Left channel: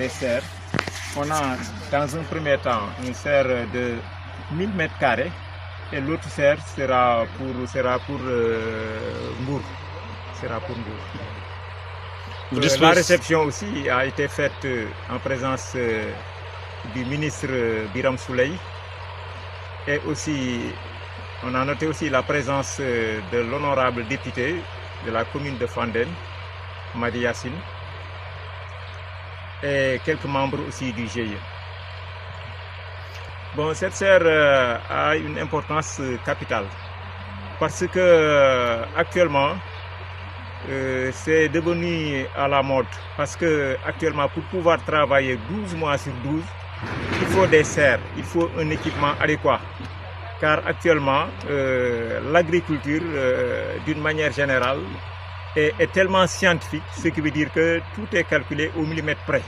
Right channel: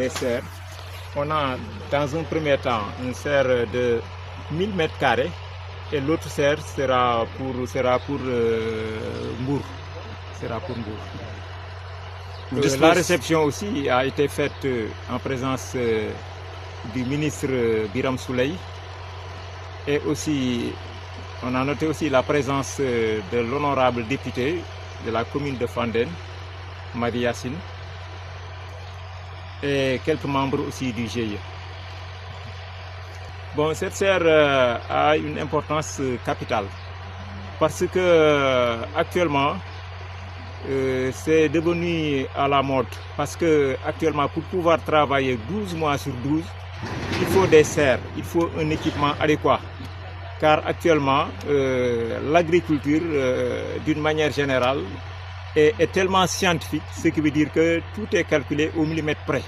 des serres. On a dans un premier temps une serre de 1000 mètres carrés et l'autre serre sera pour Mbour. La réception aussi a été faite en présence du ministre Biram Souley et aussi on a noté aussi la présence de l'honorable député de la commune de Fandène, Madi Yassine, et quelques membres aussi du GIE. Bon, cette serre a une importance capitale parce que actuellement c'est devenu à la mode parce que actuellement pour pouvoir travailler 12 mois sur 12, il faut des serres, il faut un équipement adéquat. Car actuellement, l'agriculture, d'une manière générale, est tellement scientifique, ce qui veut dire que tout est calculé au millimètre près.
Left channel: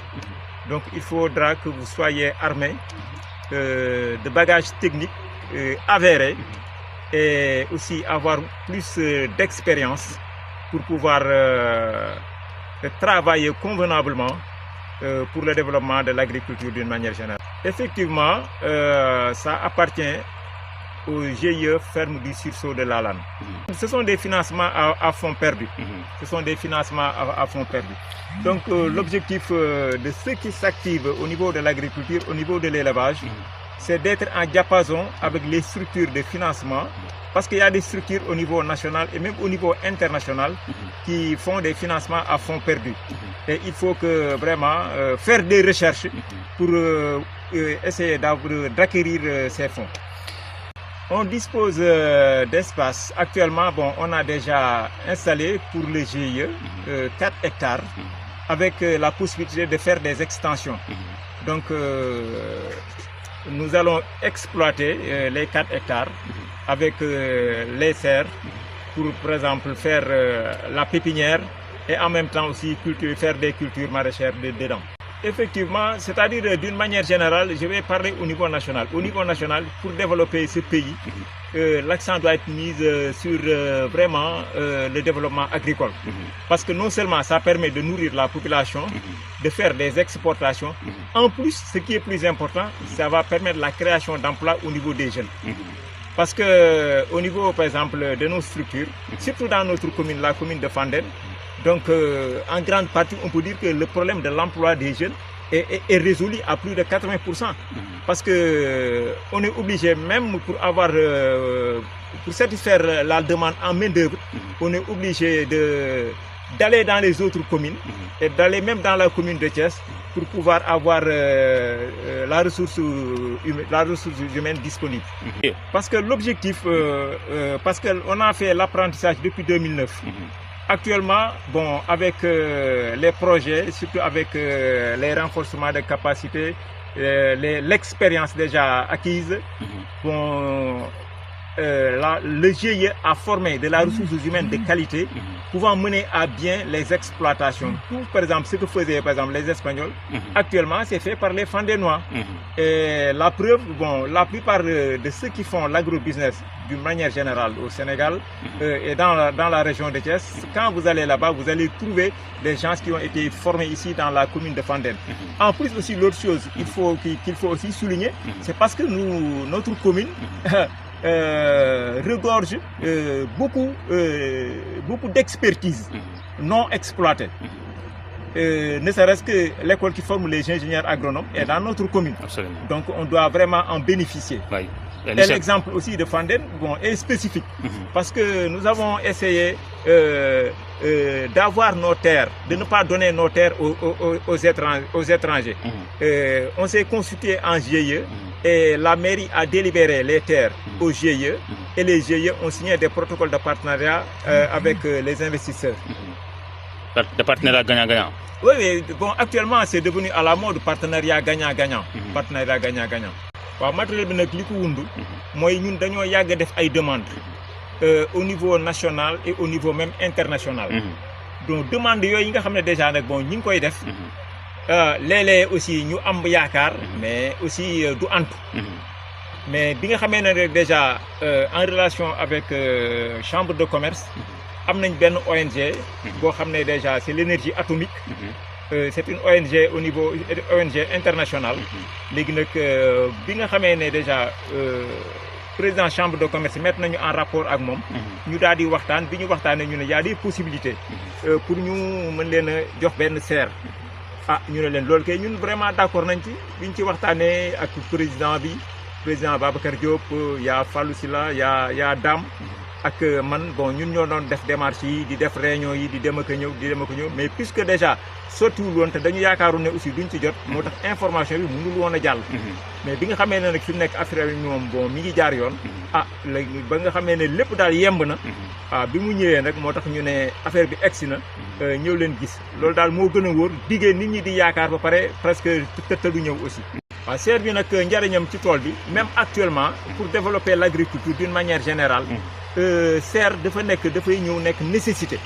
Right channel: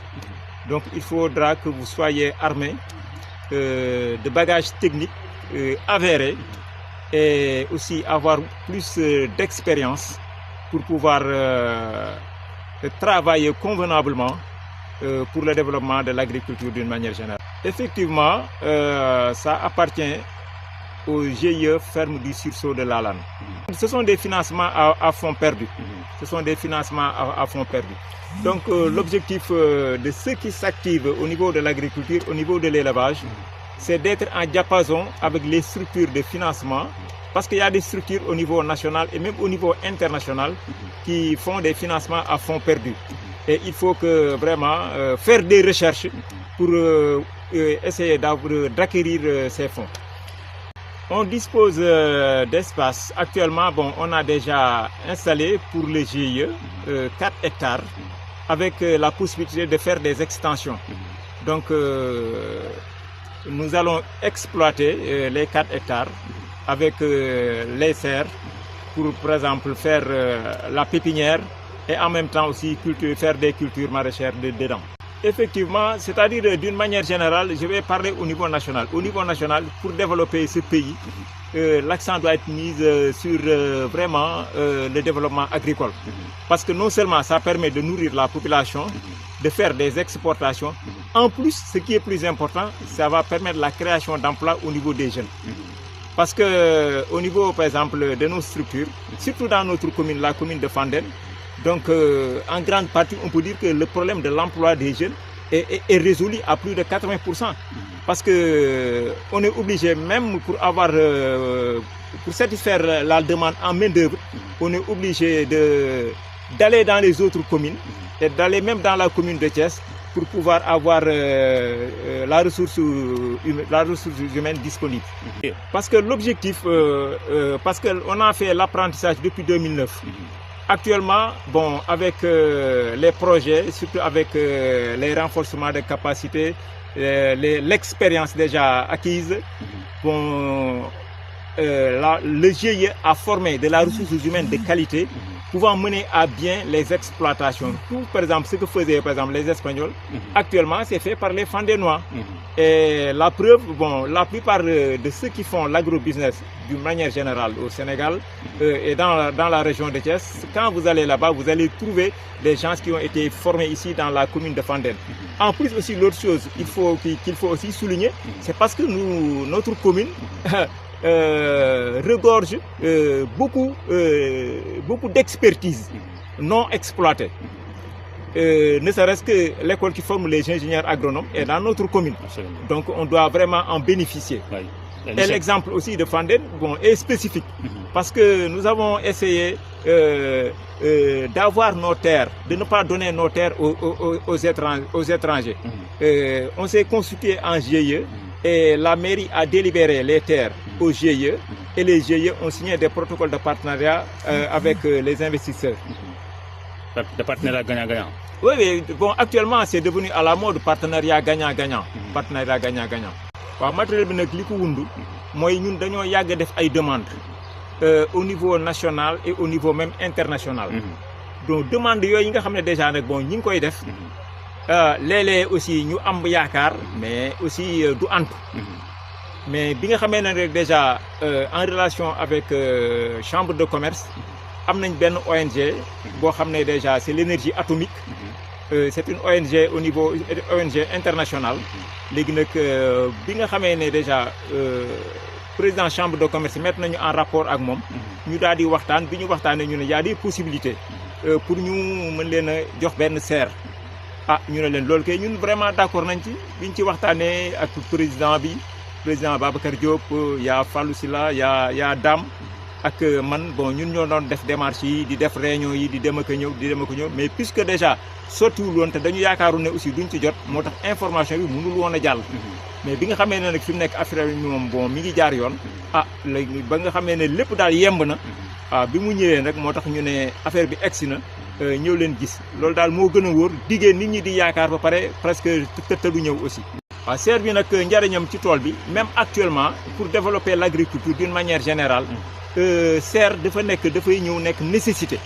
Donc il faudra que vous soyez armé de bagages techniques avérés et aussi avoir plus d'expérience pour pouvoir travailler convenablement pour le développement de l'agriculture d'une manière générale. Effectivement, ça appartient au GIE Ferme du Sursaut de Lalane. Ce sont des financements à fonds perdus. Ce sont des financements à fonds perdus. Donc l'objectif de ceux qui s'activent au niveau de l'agriculture, au niveau de l'élevage, c'est d'être en diapason avec les structures de financement, parce qu'il y a des structures au niveau national et même au niveau international qui font des financements à fonds perdus. Et il faut que vraiment faire des recherches pour essayer d'acquérir ces fonds. On dispose d'espace. Actuellement, bon, on a déjà installé pour le GIE 4 hectares avec la possibilité de faire des extensions. Donc, nous allons exploiter les 4 hectares avec les serres pour, par exemple, faire la pépinière et en même temps aussi faire des cultures maraîchères dedans. Effectivement, c'est-à-dire d'une manière générale, je vais parler au niveau national. Au niveau national, pour développer ce pays, l'accent doit être mis sur vraiment le développement agricole. Parce que non seulement ça permet de nourrir la population, de faire des exportations, en plus, ce qui est plus important, ça va permettre la création d'emplois au niveau des jeunes. Parce que au niveau, par exemple, de nos structures, surtout dans notre commune, la commune de Fandène, donc en grande partie, on peut dire que le problème de l'emploi des jeunes est résolu à plus de 80%. Parce que on est obligé, même pour satisfaire la demande en main d'œuvre, on est obligé d'aller dans les autres communes et d'aller même dans la commune de Thiès pour pouvoir avoir la ressource humaine disponible. Parce que l'objectif, parce qu'on a fait l'apprentissage depuis 2009. Actuellement, bon, avec les projets, surtout avec les renforcements de capacités, l'expérience déjà acquise, bon, le GIE a formé de la ressource humaine de qualité pouvant mener à bien les exploitations. Par exemple, ce que faisaient par exemple les Espagnols, actuellement c'est fait par les Fandénois. Et la preuve, bon, la plupart de ceux qui font l'agrobusiness d'une manière générale au Sénégal et dans la région de Thiès, quand vous allez là-bas, vous allez trouver des gens qui ont été formés ici dans la commune de Fandène. En plus aussi, l'autre chose qu'il faut aussi souligner, c'est parce que notre commune regorge beaucoup d'expertise non exploitée. Ne serait-ce que l'école qui forme les ingénieurs agronomes est dans notre commune. Absolument. Donc on doit vraiment en bénéficier. Oui. Et l'exemple aussi de Fandène, bon, est spécifique parce que nous avons essayé d'avoir nos terres, de ne pas donner nos terres aux étrangers. On s'est consulté en GIE et la mairie a délibéré les terres au GIE et les GIE ont signé des protocoles de partenariat avec les investisseurs. De partenariat gagnant-gagnant. Oui, bon, actuellement c'est devenu à la mode partenariat gagnant-gagnant. Partenariat gagnant-gagnant. waaw matériel bi nag li ko wund mooy ñun dañoo yàgg def ay demandes au niveau national et au niveau même international. Donc demande yooyu nga xam ne déjà nag bon ñi ngi koy def léeg-léeg aussi ñu am yaakaar mais aussi du antu. Mais bi nga xamee ne rek déjà en relation avec chambre de commerce am nañ benn ONG boo xam ne déjà c'est l'énergie atomique c'est une ONG au niveau ONG internationale léegi nag bi nga xamee ne déjà président chambre de commerce mettre nañu en rapport ak moom ñu daal di waxtaan bi ñu waxtaanee ñu ne y a des possibilités pour ñu mën leen a jox benn serre ñu ne leen loolu kay ñun vraiment d'accord nañ ci biñ ci waxtaanee ak président Babacar Diop yaa Fallou Sylla yaa Dame ak man bon ñun ñoo doon def démarche yi di def réunion yi di dem ak a ñëw mais puisque déjà sottiwul woon te dañu yaakaaru ne aussi duñ ci jot moo tax information bi mënul woon a jàll mais bi nga xamee ne nag fi mu nekk affaire yi moom bon mi ngi jaar yoon léegi ba nga xamee ne lépp daal yemb na bi mu ñëwee nag moo tax ñu ne affaire bi egsi na ñëw leen gis loolu daal moo gën a wóor diggée nit ñi di yaakaar ba pare presque te du ñëw aussi serre bi nag njariñam ci tool bi même actuellement pour développer l'agriculture d'une manière générale serre dafay ñëw nekk nécessité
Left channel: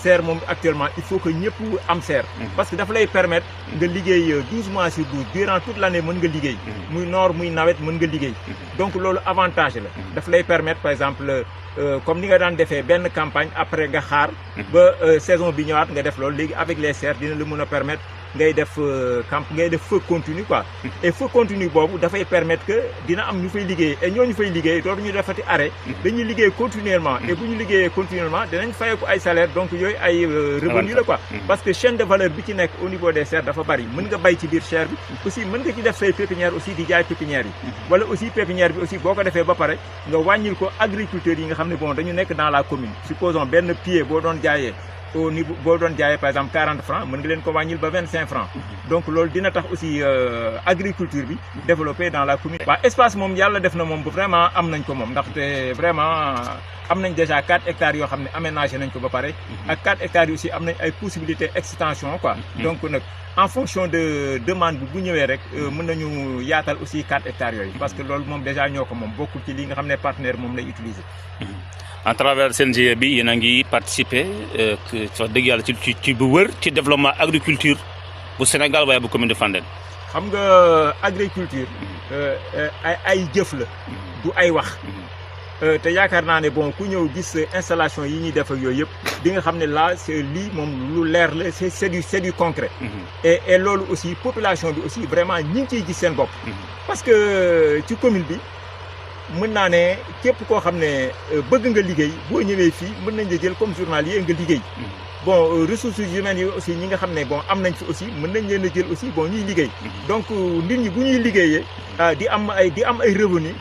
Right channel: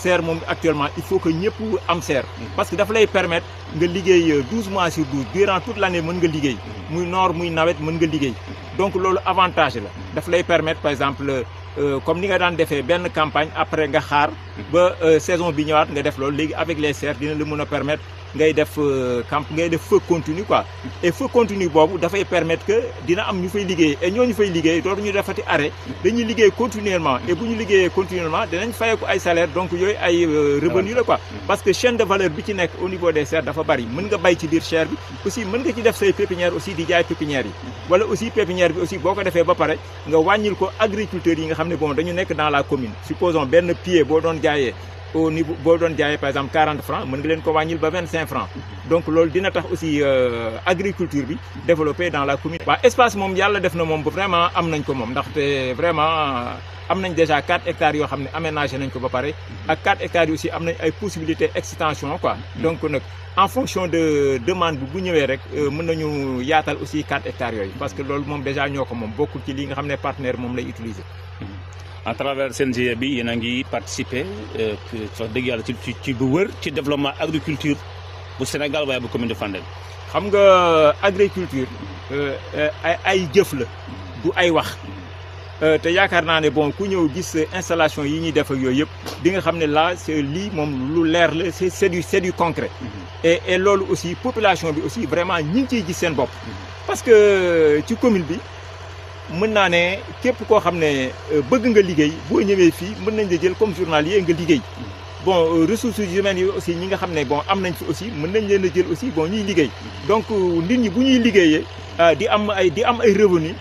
serre moom actuellement il faut que ñëpp am serre parce que dafa lay permettre nga liggéey 12 mois sur 12 durant toute l'année mën nga liggéey muy noor muy nawet mën nga liggéey donc loolu avantage la dafa lay permettre par exemple comme ni nga daan defee benn campagne après nga xaar ba saison bi ñëwaat nga def loolu léegi avec les serres dina la mën a permettre ngay def feu continu quoi et feu continu boobu dafay permettre que dina am ñu fay liggéey et ñooñu fay liggéey dootuñu defati arrêt dañuy liggéey continuellement et bu ñu liggéeyee continuellement dinañ fayeeku ay salaire donc yooyu ay revenu la quoi parce que chaîne de valeur bi ci nekk au niveau des serres dafa bari mën nga bay ci biir serre bi aussi mën nga ci def say pépinière aussi di jaay pépinière yi wala aussi pépinière bi aussi boo ko defee ba pare nga wàññil ko agriculteurs yi nga xam ne bon dañu nekk dans la commune supposons benn pied boo doon jaayee au niveau boo doon jaayee par exemple 40 francs mën nga leen ko wàññil ba 25 francs donc loolu dina tax aussi agriculture bi développé dans la commune. waaw espace moom yàlla def na moom vraiment am nañ ko moom ndaxte vraiment am nañ déjà 4 hectares yoo xam ne aménagé nañ ko ba pare ak 4 hectares yi aussi am nañ ay possibilités extension quoi donc nag en fonction de demande bi bu ñëwee rek mën nañu yaatal aussi 4 hectares yooyu parce que loolu moom déjà ñoo ko moom bokkul ci li nga xam ne partenaire moom lay utiliser. à travers seen GIE bi yéen a ngi participer wax dëgg yàlla ci bu wër ci développement agriculture bu Sénégal waaye bu commune de Fandène. xam nga agriculture ay jëf la du ay wax te yaakaar naa ne bon ku ñëw gis installation yi ñuy def ak yooyu yëpp di nga xam ne là c'est lii moom lu leer la c'est du concret et loolu aussi population bi aussi vraiment ñi ngi ciy gis seen bopp parce que ci commune bi mën naa ne képp koo xam ne bëgg nga liggéey boo ñëwee fii mën nañ la jël comme journalier nga liggéey bon ressources humaines yi aussi ñi nga xam ne bon am nañ fi aussi mën nañ leen a jël aussi bon ñuy liggéey donc nit ñi bu ñuy liggéeyee di am ay revenus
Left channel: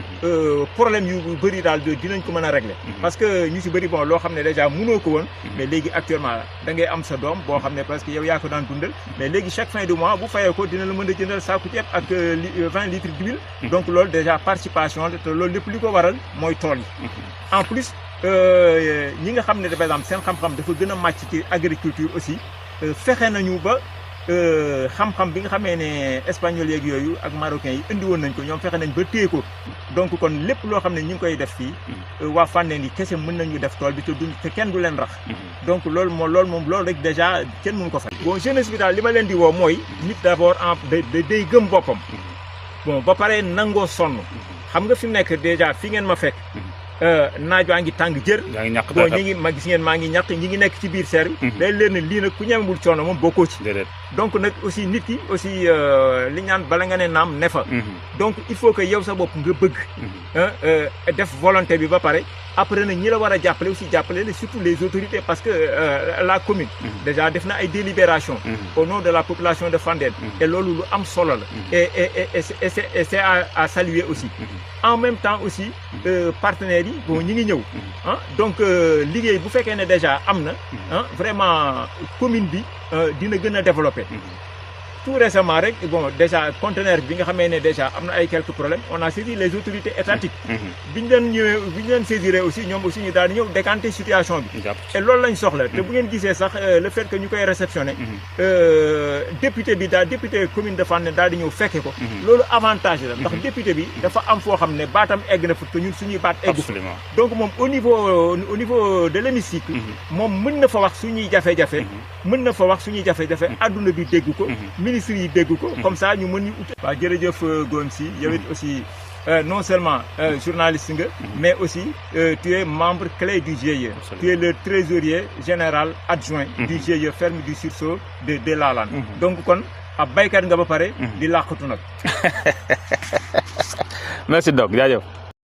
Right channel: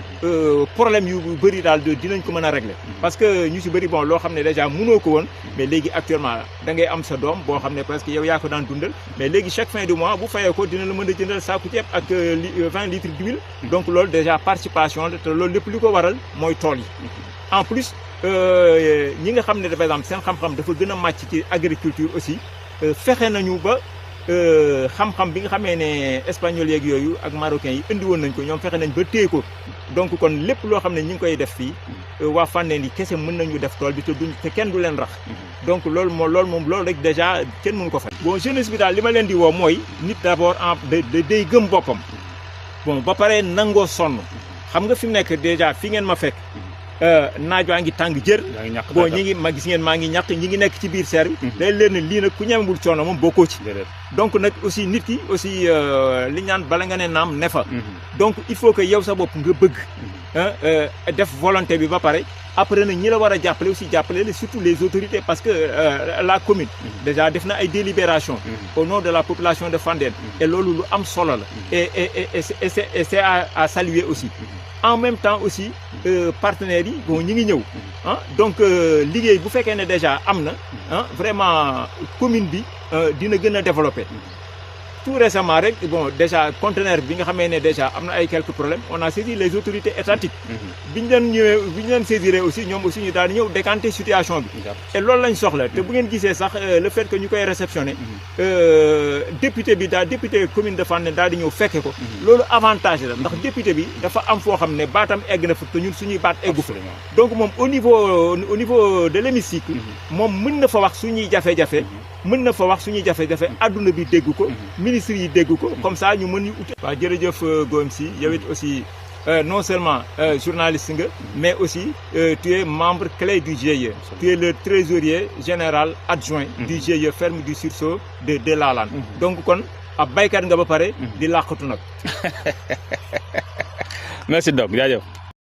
problème yu bëri daal dinañ ko mën a régler parce que ñu ci bëri bon loo xam ne déjà mënoo ko woon mais léegi actuellement da ngay am sa doom boo xam ne parce que yow yaa ko daan dundal mais léegi chaque fin de mois bu fayee ko dina la mën a jëndal saaku ceeb ak 20 litres d'huile donc loolu déjà participation la te loolu lépp li ko waral mooy tool yi en plus ñi nga xam ne par exemple seen xam-xam dafa gën a màcc ci agriculture aussi fexe nañu ba xam-xam bi nga xamee ne espagnol yeeg yooyu ak marocains yi indi woon nañ ko ñoom fexe nañ ba téye ko donc kon lépp loo xam ne ñu ngi koy def fii waa Fandène yi kese mën nañu def tool bi te kenn du leen rax donc loolu rek déjà kenn mënu ko fay. bon jeunesse bi daal li ma leen di woo mooy nit d'abord day gëm boppam bon ba pare nangoo sonn xam nga fi mu nekk déjà fi ngeen ma fekk. naaj waa ngi tàng jër bon gis ngeen maa ngi ñàkk ñi ngi nekk ci biir serre bi day leen ne lii nag ku ñemewul coono moom bokkoo ci donc nag aussi nit ki aussi li ñaan bala nga ne naam ne fa donc il faut que yow sa bopp nga bëgg def volonté bi ba pare après nag ñi la war a jàppale aussi jàppale la surtout les autorités parce que la commune déjà def na ay délibération au nom de la population de Fandène et loolu lu am solo la et c'est à saluer aussi en même temps aussi partenaires yi bon ñi ngi ñëw donc liggéey bu fekkee ne déjà am na vraiment commune bi dina gën a développer tout récemment rek bon déjà conteneur bi nga xamee ne déjà am na ay quelques problèmes on a saisi les autorités étatiques bi ñu leen saisiré aussi ñoom aussi ñu daal di ñëw décanter situation bi et loolu lañ soxla te bu ngeen gisee sax le fait que ñu koy réceptionner député commune de Fandène daal di ñëw fekke ko loolu avantage la ndax député bi dafa am foo xam ne baatam egg na fa te ñun suñuy baat eggu fa donc moom au niveau de l'hémicycle moom mën na fa wax suñuy jafe-jafe adduna bi dégg ko ministre yi dégg ko comme ça ñu mën ñu ut. waaw jërëjëf Gom si yow it aussi non seulement journaliste nga, mais aussi tu es membre clé du GIE. Tu es le trésorier général adjoint du GIE ferme du sursaut de Lalane. Donc kon ab baykat nga ba pare di làqatu nag. merci Doc jaajëf.